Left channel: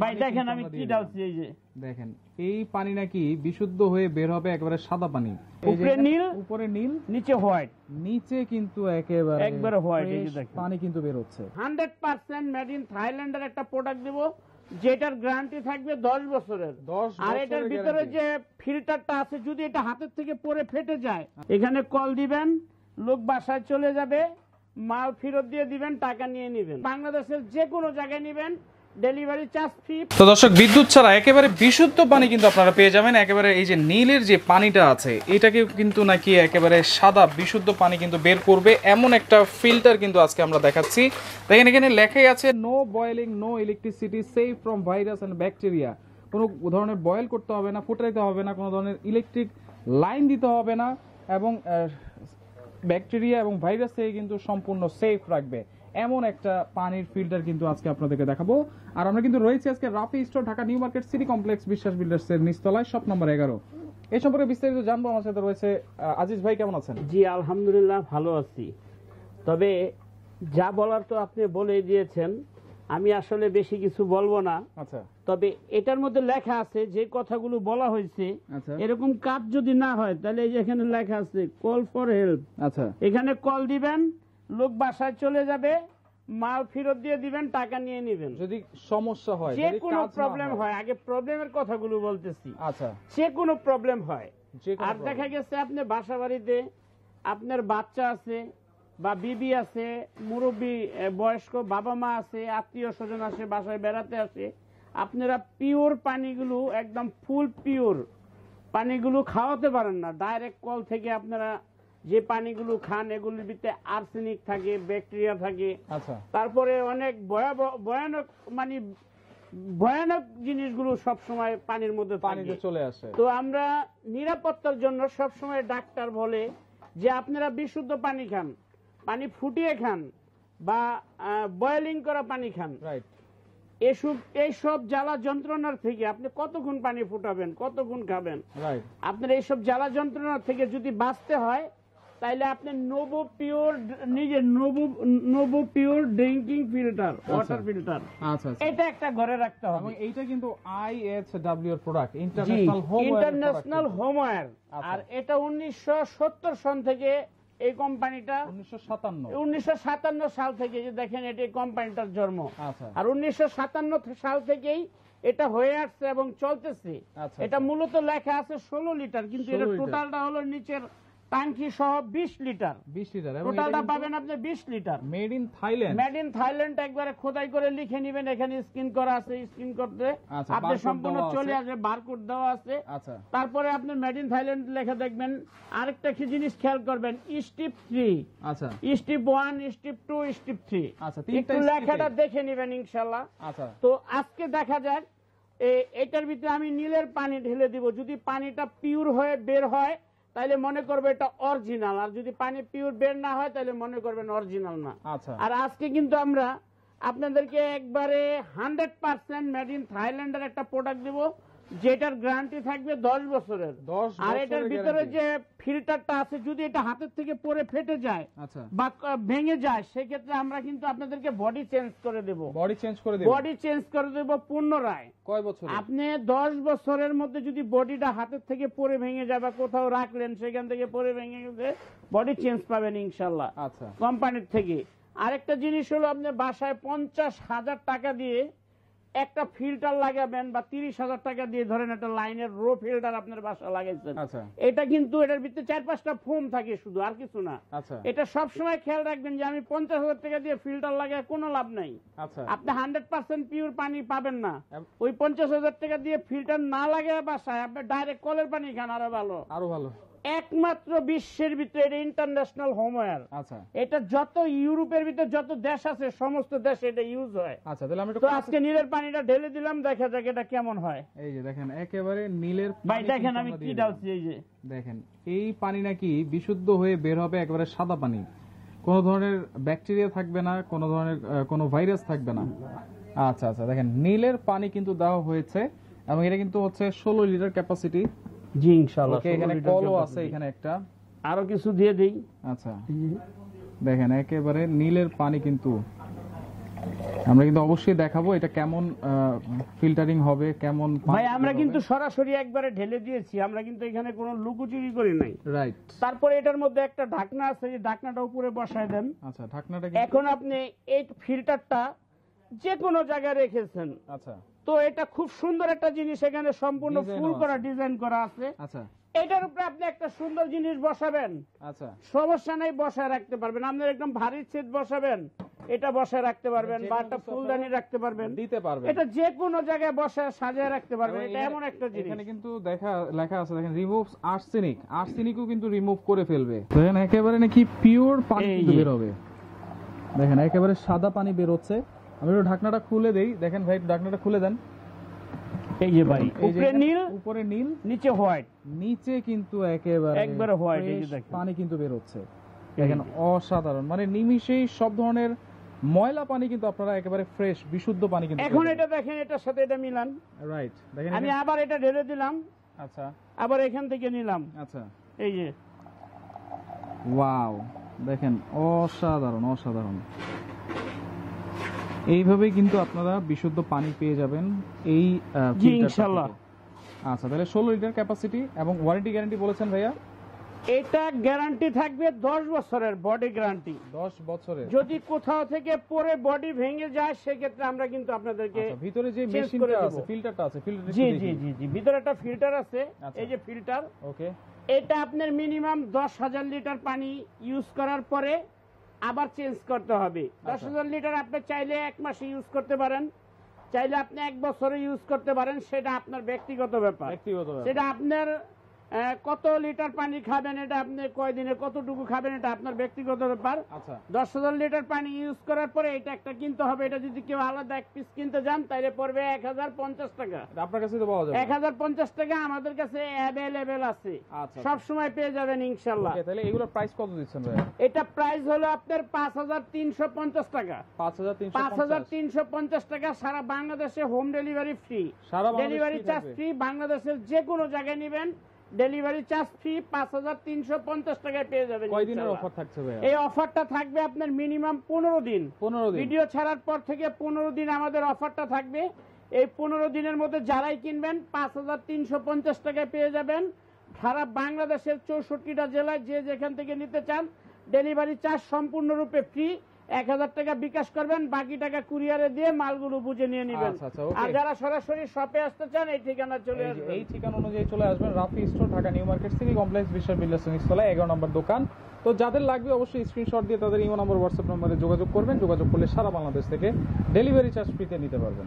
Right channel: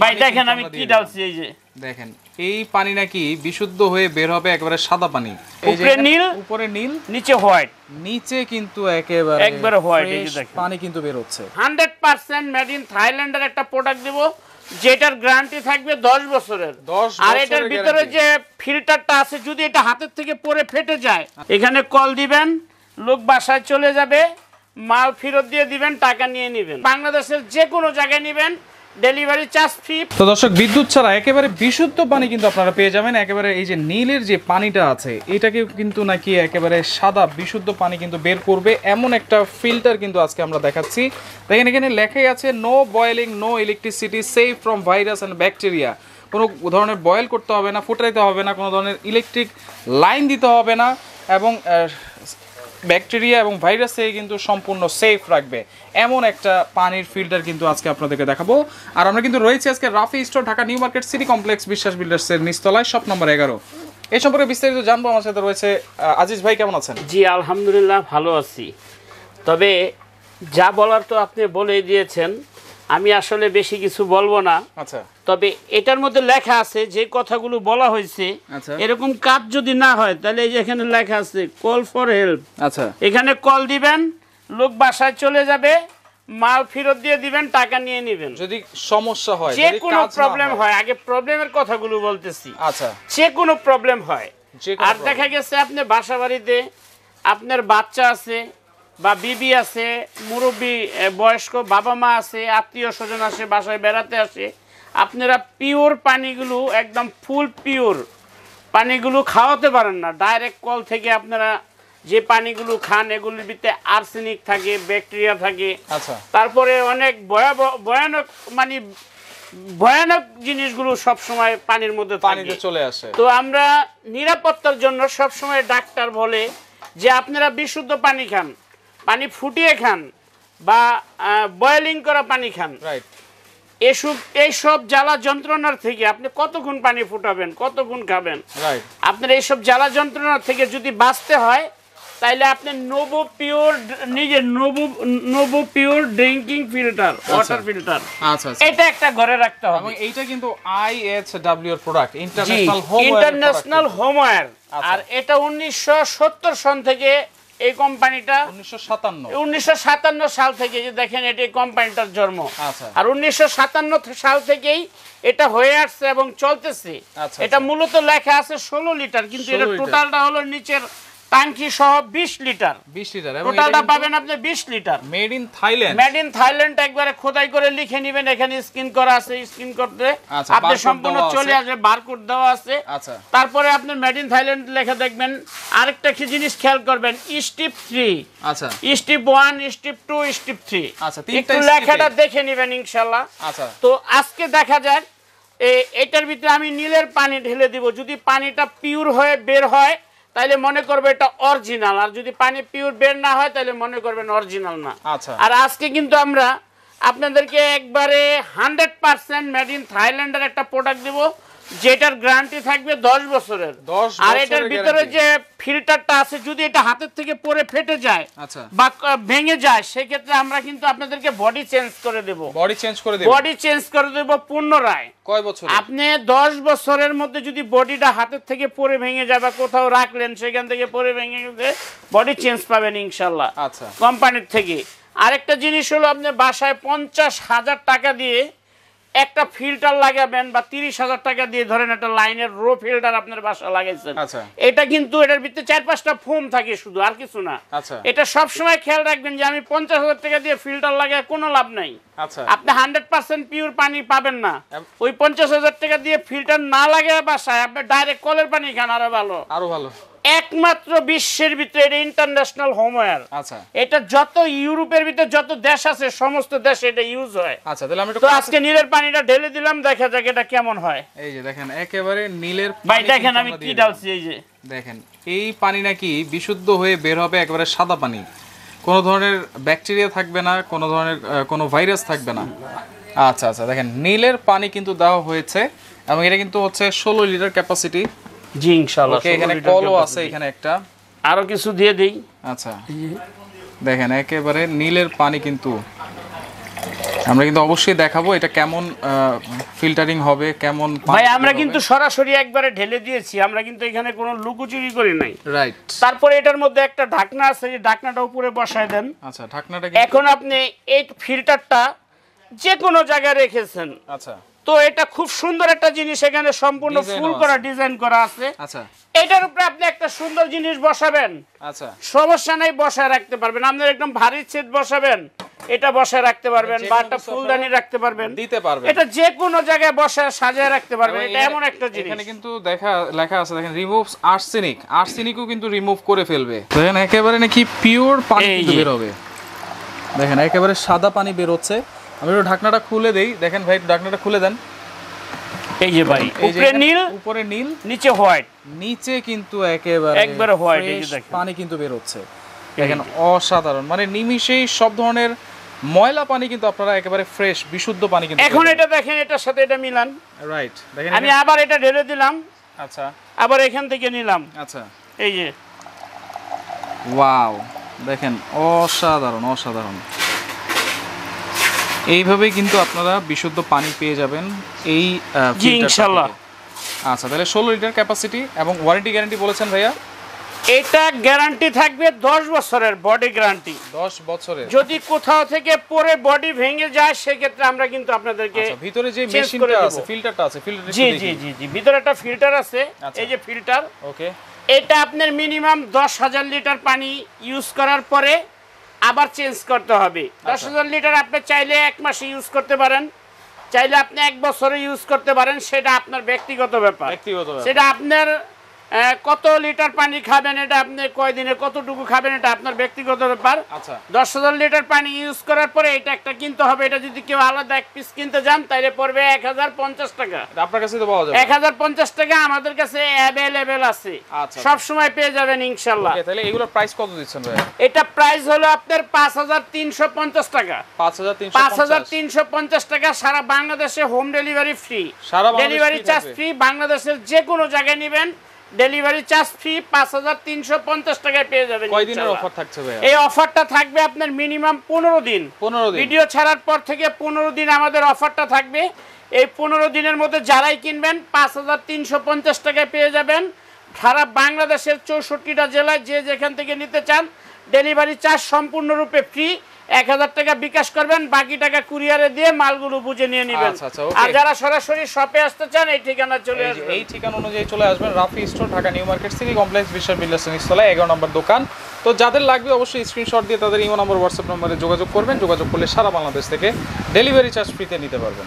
ভাই দেখেন আমি কি ডালছি, এই যে দেখেন এই পানি নাকি বিশুদ্ধ হয়ে বের হবে, একেবারে সাদা পানি। এই যে উপরে নীল, উপরে নীল, নিচে হোয়াইট, নিচে কিন্তু একেবারে হোয়াইট। এই যে দেখেন পানি কিন্তু বের হচ্ছে। 100% মেড ইন থাইল্যান্ডের একটা প্রোডাক্ট দেব, যেটার গ্যারান্টি থাকবে 10 বছরের। আর এটার ভিতরে যে ফিল্টারটা আছে, যদি এটা হাতের থেকে পড়ে ফেটে যায়, এখানে কল দিবেন, লোক বাসায় চলে যাবে, মাল ফেরত দিয়ে দিবেন, টাকা নিয়ে নেবেন। বাংলাদেশের যে কোনো জায়গায় নেবেন, ডেলিভারি চার্জ ফ্রি। তো দর্শক, বিদ্যুৎ ছাড়া একেবারে বিশুদ্ধ পানি কিন্তু আপনারা পেয়ে যাবেন। একেবারে এই যে নীলের যে পানিটা আছে, এটাকে কিন্তু নাকি একেবারে সাদা বিশুদ্ধ পানি কিন্তু বের করবে, এমন একটা ফিল্টার কিন্তু আজকে আমরা দেখাচ্ছি। দেখেন এখানে লেখাই আছে no boiling, no electricity, safe from virus and bacteria. কোনো ধরনের বয়েল করতে হবে না, ফুটাইতে হবে না, কোনো ধরনের ইলেকট্রিক লাইন দিতে হবে না, এবং ব্যাকটেরিয়া এবং ভাইরাস থেকে কিন্তু সম্পূর্ণ সেফ রাখবে, এমন একটা পানির ফিল্টার কিন্তু আজকে আপনাদেরকে দেখাবো। আর আমরা কিন্তু রয়েছে আজকে Rafi store, Dhaka new market city complex, বিশ্বাস বিল্ডার্সের নিচতলায়, শপ নম্বর 11। এই সম্পর্কে বিস্তারিত জানবো। আমার সাথে রয়েছে আজিজ ভাই, কেমন আছেন? জি আলহামদুলিল্লাহ ভালো আছি। তবে যা বলার তো আপনি বলেই দিয়েছেন, আমি আসলে বেশি কিছু বলবো না। আচ্ছা, তবে এটার মধ্যে লেখা আছে যে কথাগুলো বলা হয়েছে, এরকম কাজ যদি না হয় তাহলে এই যে এখানে লেখা আছে কল ফর হেল্প। আচ্ছা, এখানে কল দিবেন, লোক বাসায় চলে যাবে, মাল ফেরত দিয়ে দিবেন, টাকা নিয়ে নেবেন। যদি সমস্যা হয়, যে কোনো প্রবলেম হয়, আগে প্রবলেমের কথাগুলো বলতেছি। আচ্ছা, যে কোনো প্রবলেম হয়, আর দেখা গেছে আপনি বাসা বাড়িতে আপনার বাচ্চা আছে বা বিবি আছে, মুরব্বী বয়স্ক বাবা মা আছে, আত্মীয় স্বজন আসে, বাসায় বেড়াতে আসে, আপনারা পিওর পানিগুলো, একদম ফুল পিওর পানিগুলো খাওয়াতে পারেন না। ডাইরেক্ট কল থেকে আপনারা যে পানিগুলো খান, এগুলির ভিতরে আর্সেনিক থাকে, ব্যাকটেরিয়া থাকে, তারপরে অনেক ভয়ানক মানে ভয়ানক জিনিসগুলো সব সময় পানির মধ্যে পানিতে চলে আসে। তো আমরা নিরাপত্তার জন্য সব সময় ডাক্তার বলে যে আপনারা বিশুদ্ধ পানি খান, পানি ফুটিয়ে খান বা বয়েলিং করা পানি খান। এইসব জ্বালা যন্ত্রণার থেকে আপনি কতক্ষণ পানি ফুটাবেন, কতক্ষণ খাবেন? আপনার এইসব জ্বালা যন্ত্রণার থেকে যদি বাঁচতে হয়, তাইলে আপনি নোভো পিওর, নিজের novo pure drinking filter, water filter, এটা একটা ঘরে রাখতে হবে। এইটা কিন্তু IHW এর প্রোডাক্ট, ইন্টারন্যাশনাল হোমওয়্যার। আর এটা 1970 সন থেকে এই কোম্পানিটা, 1957 সাল থেকে, যে দেখেন এটা কোম্পানিটার জন্ম। আর 1957 সাল থেকেই এটা হয়ে আসছে এবং চলতেছে। এটা মূলত লেখা আছে 16 লিটার, কিন্তু এটা টোটালটা হলো নিচের ট্যাঙ্কি সহ 20 লিটার। টোটালটা পাবেন আপনি 20 litre. Made in Thailand, made in Thailand একবারে খোদাই করে লিখে নেবেন। এখানে স্ক্রিন করা আছে, স্ক্রিন করতে আপনি সম্পূর্ণ চলে আসবে, বারকোড দেওয়া আছে। তারপরে আপনি মেড ইন থাইল্যান্ড লেখা দেখবেন। আরেকটা কি জিনিস খেয়াল করবেন, স্টেপ 3, আচ্ছা, স্টেপ 1, স্টেপ 2, স্টেপ 3, আচ্ছা, একটু লেখাটা দেখে নেবেন ইনশাআল্লাহ। আচ্ছা, তো আজকে দেখা যাক এটার ভিতরে আমি নীলের পানি ঢেলে দিব। যদি পানিটা পিওর হয়ে বের হয় তাহলে মনে করবে এটা অরিজিনাল, আর যদি পানি পিওর বের না হয় তাহলে মনে করবেন অরিজিনাল না। আর আজকে কিন্তু আমরা আপনাদেরকে একবারে 100% মেড ইন থাইল্যান্ডের একটা প্রোডাক্ট দেব, যেটার গ্যারান্টি থাকবে 10 বছরের। আর এটার ভিতরে যে ফিল্টারটা আছে, যদি এটা হাতের থেকে পড়ে ফেটে যায় বা ভেঙে যায়, সেক্ষেত্রে আমরা কিন্তু আপনাদেরকে বডি চেঞ্জ করে দেব। বডি চেঞ্জ করে দেব পুনরায়। কয় বছর? আপনি 10 বছরের মধ্যে যদি বডিটা হাতের থেকে পড়ে ভেঙে যায় বা কোথাও রাখলেন, সেখান থেকে পড়ে ভেঙে গেছে, বডি চেঞ্জ পাবেন ইনশাল্লাহ কোম্পানির থেকে। আরেকটা জিনিস হলো, আপনি বাসায় 50,000 টাকা দিয়ে একটা ফিল্টার লাগাবেন, বা 30,000 টাকা দিয়ে ধরেন একটা লাইনের রো ফিল্টার আপনার বাসা লাগাইছেন, এটা কিন্তু এটার ভিতরে 4-5টা ফোম থাকে শুধু, আর কিছু না। এটা সব সময় খেয়াল রাখবেন যে আমি 50,000 টাকা দিয়ে ফিল্টার লাগায় কোনো লাভ নাই। আপনি 100% পিওর পানি পাবেন না। ওই 50,000 টাকা দিয়ে ফিল্টার না লাগায় বাসায় আপনি ডাইরেক্ট কলের পানি খান, আরো ভালো। একমাত্র বিশ্বের ভিতরে এটা ইন্টারন্যাশনাল হোমওয়্যার। আচ্ছা, এটা যত ইউরোপের ভিতরে যত দেশ আছে, সমস্ত দেশে এটা ইউজ হয়। আচ্ছা, তাহলে আমি তো আজকে নীলের পানিটা ঢেলে দিলাম, দেখা যাক এটা কেমন হয়। এই যে দেখেন একেবারে নীলের পানি, ভাই দেখেন আমি কি ডালছি, এই যে দেখেন এই পানি নাকি বিশুদ্ধ হয়ে বের হবে, একেবারে সাদা পানি, কোনো ধরনের ব্যাকটেরিয়া থাকবে না, কোনো ধরনের কোনো ভাইরাস থাকবে না। আচ্ছা আচ্ছা, দেখেন নীলের পানি কিন্তু দেওয়া হয়েছে, এবং এটা কিন্তু হচ্ছে 16 লিটার ক্যাপাসিটি। জি ইনশাআল্লাহ। এখানে কলও আছে, এখানে একটা আরো কিছু দিয়ে দেই। আচ্ছা, দেখেন একেবারে নীলের পানি কিন্তু আমরা কিন্তু অবশ্যই দেখাবো এটা কেমন ফিল্টারিং হবে, কেমন ভাই আমরা কিন্তু সরাসরি একবারে ঢেলে দিয়েছি, আমরা কিন্তু এখানে কোনো লুকোচুরি করি নাই। রাইট। তারপরে এটার মধ্যে একটা ঢাকনা আছে, এই ঢাকনাটা উপরে বসায় দেন। আচ্ছা, ঢাকনাটা এখন আপনি এই ফিল্টারটা যে কোনো জায়গায় রেখেছেন। আচ্ছা, তো এটা খুব সুন্দর একটা জিনিস, এখানে সম্পূর্ণ ফুল করা ডিজাইন করা আছে। আচ্ছা, এটার উপরে আপনি একটা সুন্দর জিনিস বসাবেন, আচ্ছা, সমস্যা নাই, বসায় রাখতে পারবেন। আপনার একদম ভারী ছেদ বসাবেন, এটা বসায় রাখতে পারবেন, বা একটা ফুলদানি রাখতে পারবেন, দিতে পারবেন। এটা যে কোনো জায়গায় বসায় সাজিয়ে রাখতে পারবেন। এটা এমন একটা জিনিস, এখানে কিন্তু লেখা আছে দেখেন, রিমুভস আর্সেনিক। আর্সেনিকও কিন্তু রিমুভ করে ফেলবে। দেখেন একেবারে নাকি পিওর পানি কিন্তু বের হবে। দেখেন একেবারে সাদা পানি বের হচ্ছে। আমি একটু ঢাকনাটা খুলে দেই, দেখেন ভাই ঢাকনাটা খুলে দেন। এই যে ভাই উপরে নীল, উপরে নীল, নিচে হোয়াইট, নিচে কিন্তু একেবারে হোয়াইট। এই যে দেখেন পানি কিন্তু বের হচ্ছে, দেখেন অসাধারণ। মানে নিমিষেই সব ধরনের ময়লা পানি কিন্তু আপনারা একেবারে ফ্রেশ বিশুদ্ধ পানি কিন্তু। এখন এটা দেখেন, এটার সাথে এটা মিলান। রাইট, দেখেন আমি আবার এটা ঢেলে দিলাম। আচ্ছা, আবার এখান থেকে নিলাম। আচ্ছা, এই যে ওয়াও, দেখেন অসাধারণ অসাধারণ। এইভাবেই কিন্তু আপনারা বিশুদ্ধ পানি পেয়ে যাবেন এই ইনশাআল্লাহ। আচ্ছা, তাহলে 16 লিটার ক্যাপাসিটি এবং ওয়ারেন্টি গ্যারান্টি বলেছেন ভাইয়া? এটা গ্যারান্টি থাকবে 10 বছরের, বডি গ্যারান্টি 10 বছরের। যদি কোথাও থেকে পরে বডি ভেঙে যায় সেক্ষেত্রে আমরা কিন্তু আপনাদেরকে ভিতরে যে মেশিনটা আছে, ফিল্টারটা আছে, ফিল্টার জি জি জি জি ভিতরে একটা ফিল্টার আছে। এই যে ফিল্টার, ওকে। এটা আপনার মিনিমাম 10,000 লিটার পানি ইউজ করার পরে আবার চেঞ্জ করতে হবে। 10,000 লিটার আপনি চাইলে 1 মাসে ইউজ করতে পারেন, চাইলে আপনি 1 বছরে ইউজ করতে পারেন, সেটা আপনার ব্যক্তিগত ব্যাপার। সেটা আপনার কত লিটার পানি খাবেন, এটা আপনি কয়দিনে কতটুকু খাবেন, এটা আপনার ব্যক্তিগত ব্যাপার। আচ্ছা, 10,000 লিটার পানি ইউজ করার পরে এটা একটা কিনতে হবে। এটা যদি কেউ আলাদা এক পিস কিনতে যান তাহলে পড়বে 1050 টাকা। আপনার কাছে তো পাওয়া যাবে 1050 টাকা আমাদের কাছে অ্যাভেলেবেল আছে, সব সময় পেয়ে যাবেন ইনশাআল্লাহ। তাহলে এগুলোর প্রাইস কত দিচ্ছেন ভাই? এটা প্রাইস হলো আপনার 5350 টাকা। 5350 টাকা, সারা বাংলাদেশে home delivery free. Delivery charge free, বাংলাদেশের যে কোনো জায়গায় নেবেন ডেলিভারি চার্জ ফ্রি। 5350 টাকায় পেয়ে যাবেন। কয়দিনের অফার থাকছে ভাই? এই অফারটা থাকবে আপনার মিনিমাম 15 দিন। ভিডিও ছাড়ার পর থেকে 15 দিন আমাদের অফারটা থাকবে। এই 15 দিনের মধ্যে যারাই কিনবেন 5350 টাকায় পেয়ে যাবেন। সারা বাংলাদেশের 64টা জেলায় যে যেখান থেকে নিতে চান ডেলিভারি চার্জ সম্পূর্ণরূপে ফ্রি। 1000 টাকা বিকাশ করবেন, বাকি টাকা কুরিয়ারে দিয়ে মালগুলো বুঝে নিয়ে নেবেন। আর যারা সরাসরি শপে আসতে চান এই ঠিকানা চলে আসবেন। এই ঠিকানা অনুযায়ী চলে আসবেন, Rafi store, Dhaka new market city complex, বিশ্বাস বিল্ডার্স নিচতলায় 11 নম্বর দোকান। তো যাদের লাগবে অবশ্যই স্ক্রিনশট দিয়ে তাদের ইমো নম্বর, হোয়াটসঅ্যাপ নম্বরে যোগাযোগ করবেন। যোগাযোগ করলে সারা বাংলাদেশ থেকে ডেলিভারি চার্জ ফ্রিতে নিতে পারবেন।